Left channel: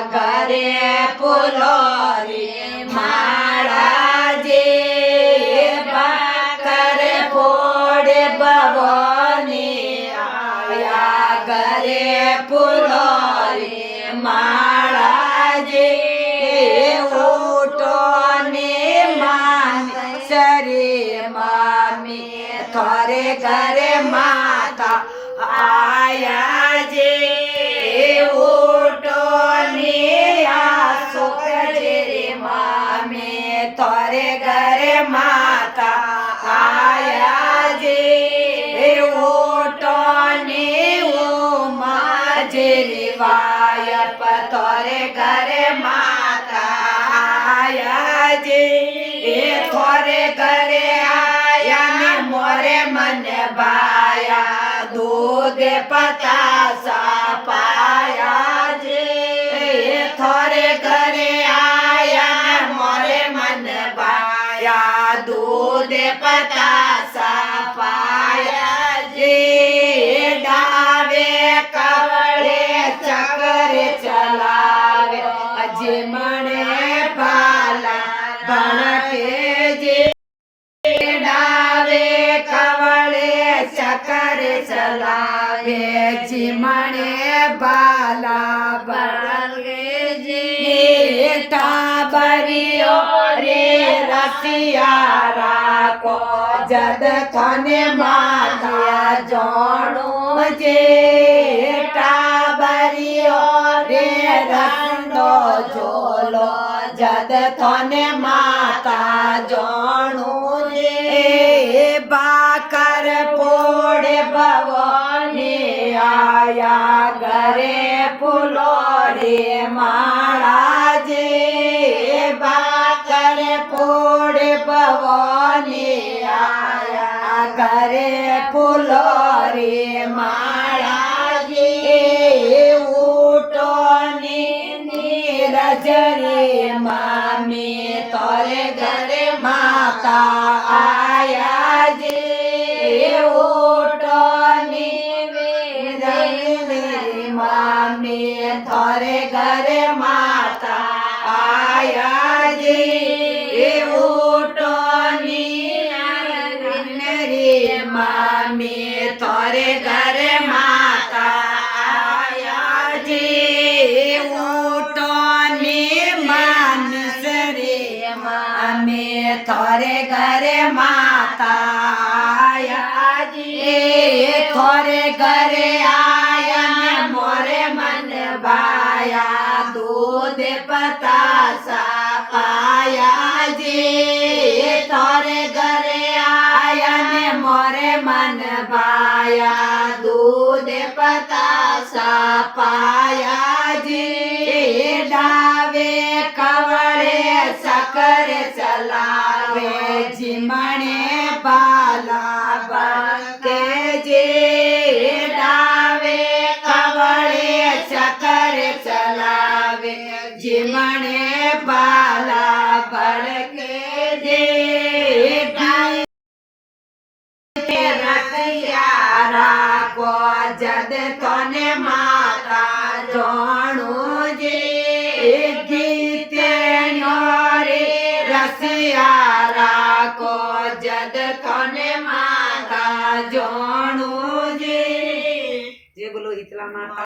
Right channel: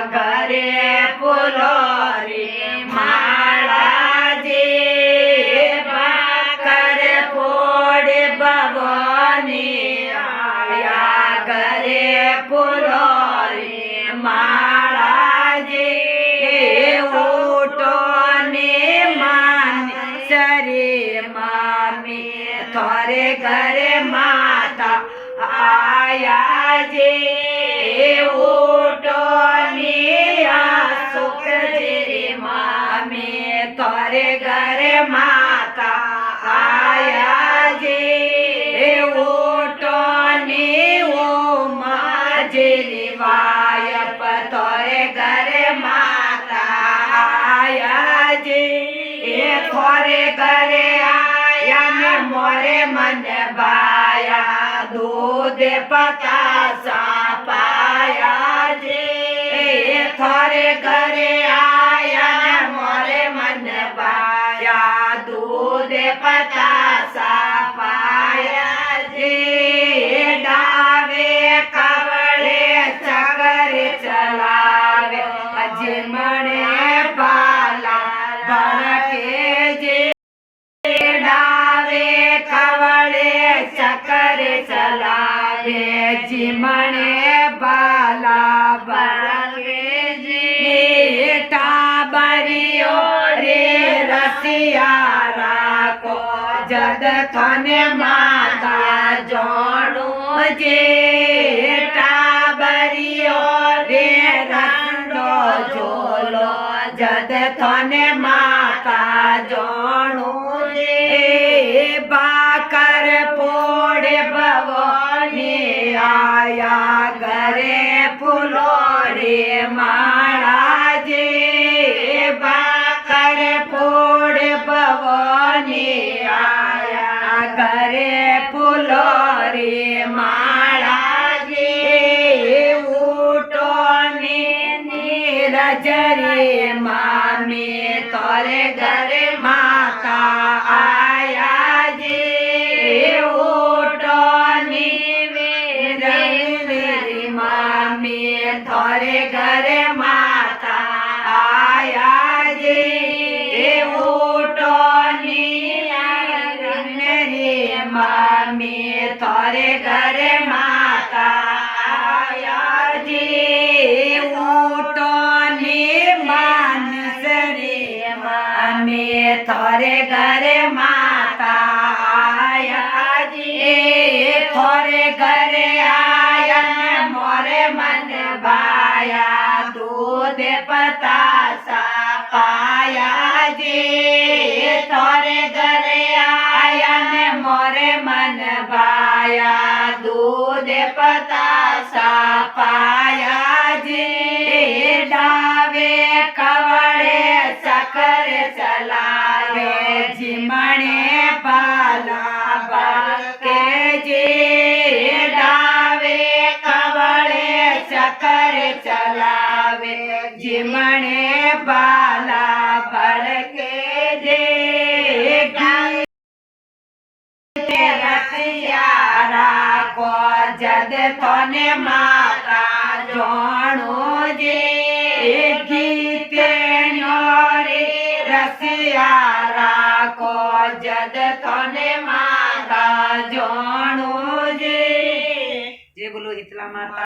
घरे फुलोरी माला जे भाकर फोड़े भवानी आया घरे फुलोरी माला जे उठो ने मान सरे मामी थोरे घरे माता आया जे उठो ने आसो जे मामी थोरे घरे माता आया जे उठो ने ओ माजे वायप थोरे घरे माता आया जे थोरे घरे आया ने मोरे मन बाया दूध पतासा पाया जे थोरे घरे आया ने मोरे मन बाया दूध पतासा पाया जे डावे कवळे चकर चलावे अजमणे पाला भड़के जे डावे कवळे चकर चलावे जिमणे बाला भड़के जे टाबरियो रे रसियारा को जद थने माता जोड़ो जे टाबरियो रे रंडो झोलो जद थने माता जोड़ो जे बाकर फोड़े भवानी आया घरे फुलोरी माला जे बाकर फोड़े भवानी आया घरे फुलोरी माला जे उठो नीरज रे मामी तोरे घरे माता आया जे उठो नीरज रे मामी तोरे घरे माता आया जे उठो नीरज रे मामी तोरे घरे माता आया जे उठो मानस रे मामी थोरे घरे माता आया जे थोरे घरे आया ने मोरे मन भाया दूध पतासा पाया जे थोरे घरे आया ने मोरे मन भाया दूध पतासा पाया जे डावे कवळे चकर चलावे जिमणे बाला भड़के जे डावे कवळे चकर चलावे जिमणे बाला भड़के जे रसियारा को जद थने माता जोड़ो जे गीते न्योरे रसियारा को जद थने माता जोड़ो जे बोलो इतला माता।